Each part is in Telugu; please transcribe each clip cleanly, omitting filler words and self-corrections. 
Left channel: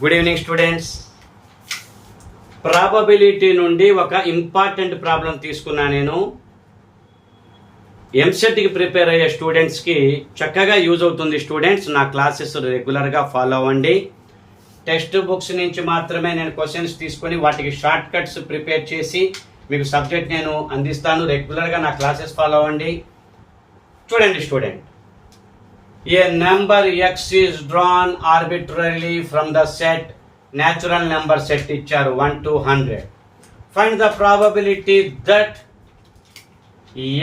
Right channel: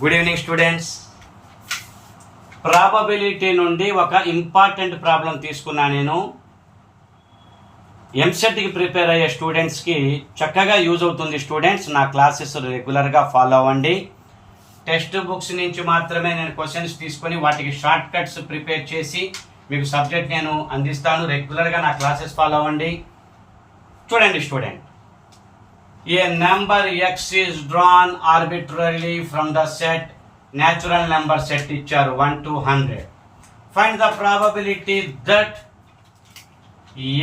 Good evening students. ప్రాబబిలిటీ నుండి ఒక ఇంపార్టెంట్ ప్రాబ్లం తీసుకున్నా. నేను ఎంసెట్కి ప్రిపేర్ అయ్యే స్టూడెంట్స్కి చక్కగా యూజ్ అవుతుంది. స్టూడెంట్స్ నా క్లాసెస్ రెగ్యులర్గా ఫాలో అవ్వండి. టెక్స్ట్ బుక్స్ నుంచి మాత్రమే నేను క్వశ్చన్స్ తీసుకొని వాటికి షార్ట్ కట్స్ ప్రిపేర్ చేసి మీకు సబ్జెక్ట్ నేను అందిస్తాను. రెగ్యులర్గా నా క్లాసెస్ ఫాలో అవ్వండి. చూడండి student, a number x is drawn arbitrarily from the set natural number set ఇచ్చారు 1 to 100. Find the probability that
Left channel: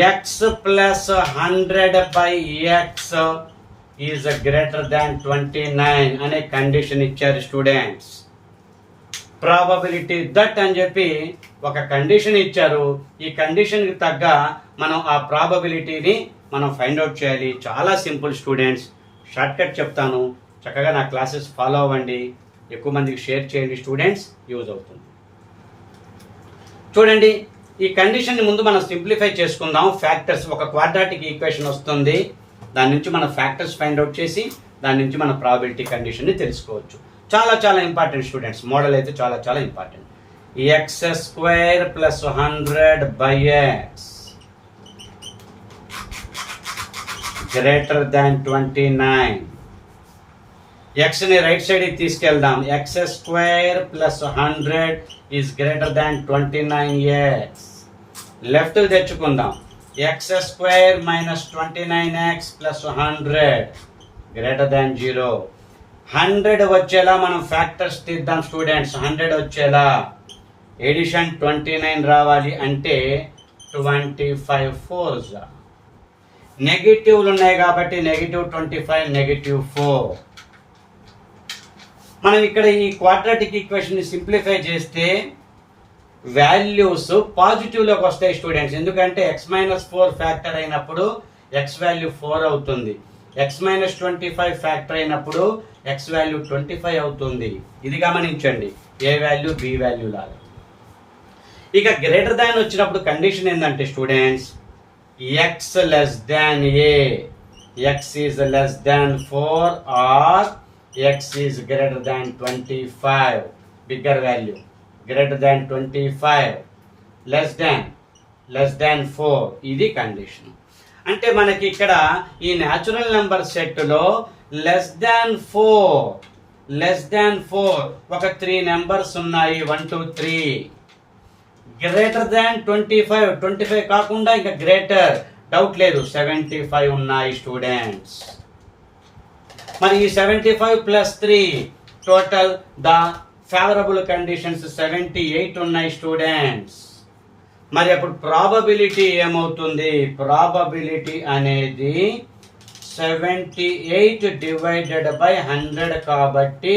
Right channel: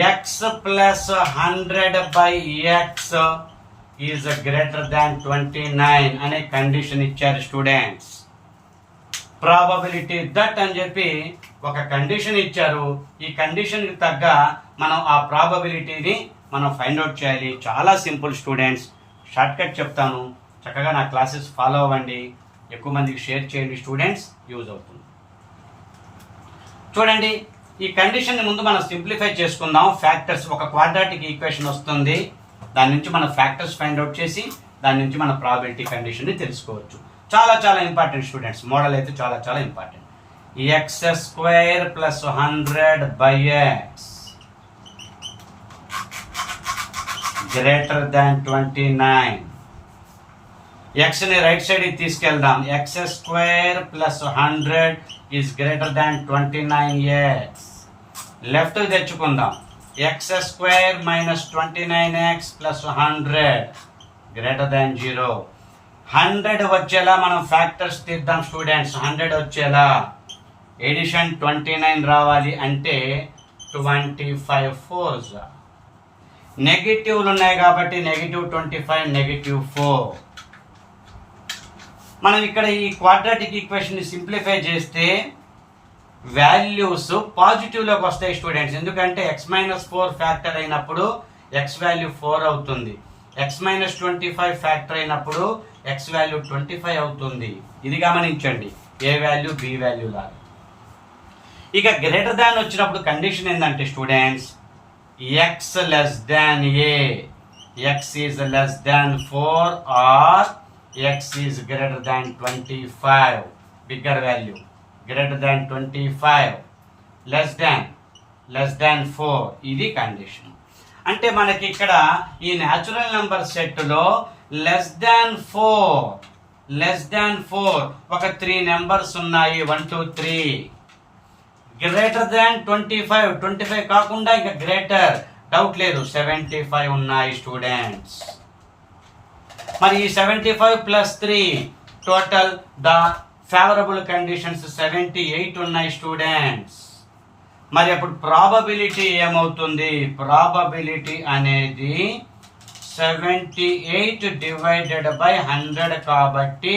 x plus 100 by x is greater than 29 అనే కండిషన్ ఇచ్చారు స్టూడెంట్స్. ప్రాబబిలిటీ దట్ అని చెప్పి ఒక కండిషన్ ఇచ్చారు. ఈ కండిషన్కి తగ్గ మనం ఆ ప్రాబబిలిటీని మనం ఫైండ్ అవుట్ చేయాలి. చాలా సింపుల్ స్టూడెంట్స్. షార్ట్ కట్ చెప్తాను, చక్కగా నా క్లాసెస్ ఫాలో అవ్వండి. ఎక్కువ మందికి షేర్ చేయండి స్టూడెంట్స్, యూజ్ అవుతుంది. చూడండి, ఈ కండిషన్ని ముందు మనం సింప్లిఫై చేసుకుందాం. ఫ్యాక్టర్స్, ఒక క్వాడ్రాటిక్ ఈక్వేషన్ వస్తుంది, దాని నుంచి మనం ఫ్యాక్టర్స్ ఫైండ్ అవుట్ చేసి దాని నుంచి మన ప్రాబిలిటీ కండిషన్ని తెలుసుకోవచ్చు. చాలా చాలా ఇంపార్టెంట్ స్టూడెంట్స్. మోడల్ అయితే చాలా చాలా important. X square plus 100 by x greater than 29. ఎక్స్ని రైట్ సైడ్కి తీసుకెళ్దాం. X square plus 100 is greater than 29x. Left తెచ్చుకుందాం. X square minus 29x plus 100 greater than 0. 100 వచ్చేలా మనం ఫ్యాక్టర్స్ తీద్దాం స్టూడెంట్స్. 100 వచ్చేలా ఎడిషన్ 29 రావాలి అంటే 25 4s. నెగిటివ్లు ఉన్నాయి కాబట్టి -25 -4. మనం ఇక్కడ ఈ క్వాడ్రాటిక్ ఈక్వేషన్ని సింప్లిఫై చేస్తే వాల్యూస్ పాజిటివ్లోకి వస్తాయి స్టూడెంట్స్. ఎందుకంటే x-4 ఫ్యాక్టర్ అయినప్పుడు x వాల్యూ 4 అవుతుంది. x-25 ఫ్యాక్టర్ అయినప్పుడు x వాల్యూ 25 అవుతుంది. ఇది గమనించండి, ఏ వాల్యూ బి వాల్యూ లాగా. ఇక గ్రేటర్ దాన్ వచ్చినప్పుడు కండిషన్ ఏంటంటే students, x less than a, x is less than 4 or x is greater than 25, bigger value, greater than 25, less than 4. ఇది కండిషన్. అంటే మనకి ఇక్కడ ఈ న్యాచురల్ నెంబర్ సెట్లో లెస్ దాన్ 4 ఒక 3 నెంబర్స్ ఉన్నాయి. 1 2 3. గ్రేటర్ దాన్ 25 కాకుండా ఇంకా గ్రేటర్, డౌట్ లేదు, 75 ఉన్నాయి స్టూడెంట్స్. మరి ఈ 75 plus 3 total the favourable conditions 78 ఉన్నాయి స్టూడెంట్స్. మరి అప్పుడు ప్రాబబిలిటీ ఏమవుతుంది? ప్రాబబిలిటీ అనేది 78 డివైడెడ్ బై 100 కాబట్టి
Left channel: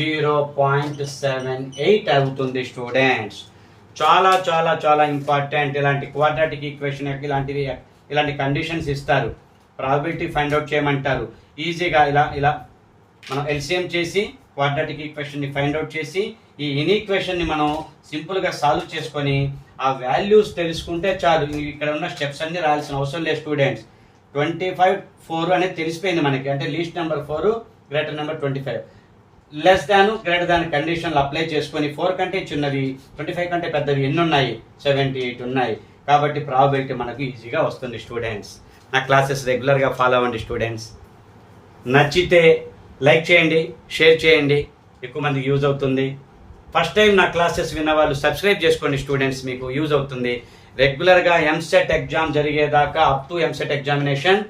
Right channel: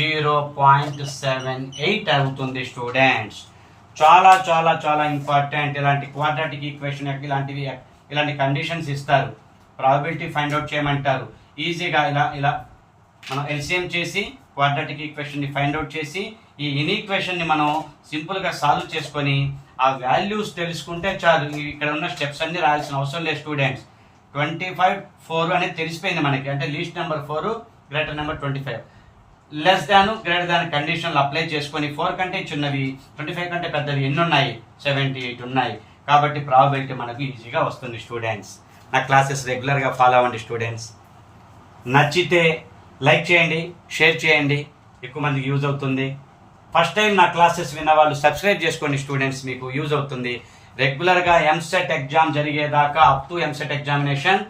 0.78 అవుతుంది స్టూడెంట్స్. చాలా చాలా చాలా ఇంపార్టెంట్. ఇలాంటి క్వాడ్రాటిక్ ఈక్వేషన్ ఇలాంటి కండిషన్స్ ఇస్తారు, ప్రాబబిలిటీ ఫైండ్ అవుట్ చేయమంటారు. ఈజీగా ఇలా మనం ఎల్సిఎం చేసి క్వాడ్రాటిక్ ఈక్వేషన్ని ఫైండ్ అవుట్ చేసి ఈ ఇన్ఈక్వేషన్ని మనం సింపుల్గా సాల్వ్ చేసుకొని ఆ వాల్యూస్ తెలుసుకుంటే చాలు. ఇక్కడ ఉన్న స్టెప్స్ అన్ని రాయాల్సిన అవసరం లేదు స్టూడెంట్స్. 25 4 అనేది తెలిసిపోయింది మనకి, అంటే least number 4, greater number 25. Less than greater than కండిషన్లు అప్లై చేసుకొని 4 కంటే చిన్నవి 25 కంటే పెద్దవి ఎన్ని ఉన్నాయి? 78 ఉన్నాయి. కాబట్టి ప్రాబబిలిటీ మనకు ఈజీగా వస్తుంది స్టూడెంట్స్. నా క్లాసెస్ రెగ్యులర్గా ఫాలో అవ్వండి స్టూడెంట్స్. నచ్చితే లైక్ చేయండి, షేర్ చేయండి, ఎక్కువ మందికి యూజ్ అవుతుంది. ఫస్ట్ టైం నా క్లాసెస్ విన్న వాళ్ళు సబ్స్క్రైబ్ చేసుకోండి స్టూడెంట్స్, మీకు యూజ్ అవుతుంది. రెగ్యులర్గా ఎంసెట్ ఎగ్జామ్ జరిగేదాకా అప్ టు ఎంసెట్ ఎగ్జామినేషన్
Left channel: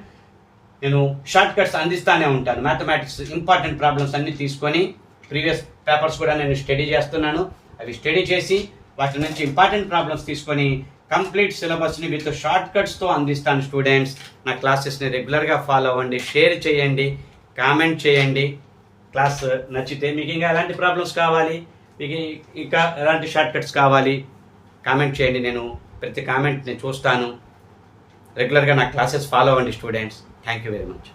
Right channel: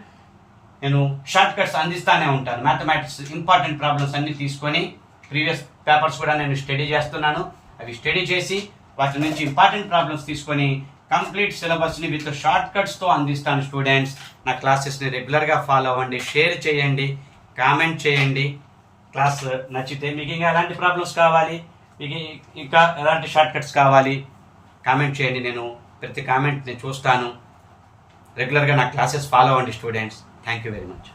నేను షార్ట్ కట్స్ అందిస్తానే ఉంటాను. మ్యాథమెటిక్స్ ఇంపార్టెంట్ ప్రాబ్లమ్స్ అన్ని తీసుకొని ప్రీవియస్ పేపర్స్ కూడా నేను స్టడీ చేస్తున్నాను. అవి స్టడీ చేసి వాటి నుంచి ఇంపార్టెంట్ ప్రాబ్లమ్స్ తీసుకొని కంప్లీట్ సిలబస్ని విత్ షార్ట్ కట్స్తో అందిస్తాను స్టూడెంట్స్. నా క్లాసెస్ని రెగ్యులర్గా ఫాలో అవ్వండి, షేర్ చేయండి, కామెంట్ చేయండి. క్లాస్ నచ్చితే మీకు ఇంకా ఎలాంటి ప్రాబ్లమ్స్ కావాలి, మీకు ఇంకా ఎలాంటి షార్ట్ కట్స్ కావాలి కామెంట్ చేయండి. నేను ప్రతి కామెంట్ని చూస్తాను. రెగ్యులర్గా నా క్లాసెస్ ఫాలో అవ్వండి students. Thank you very much.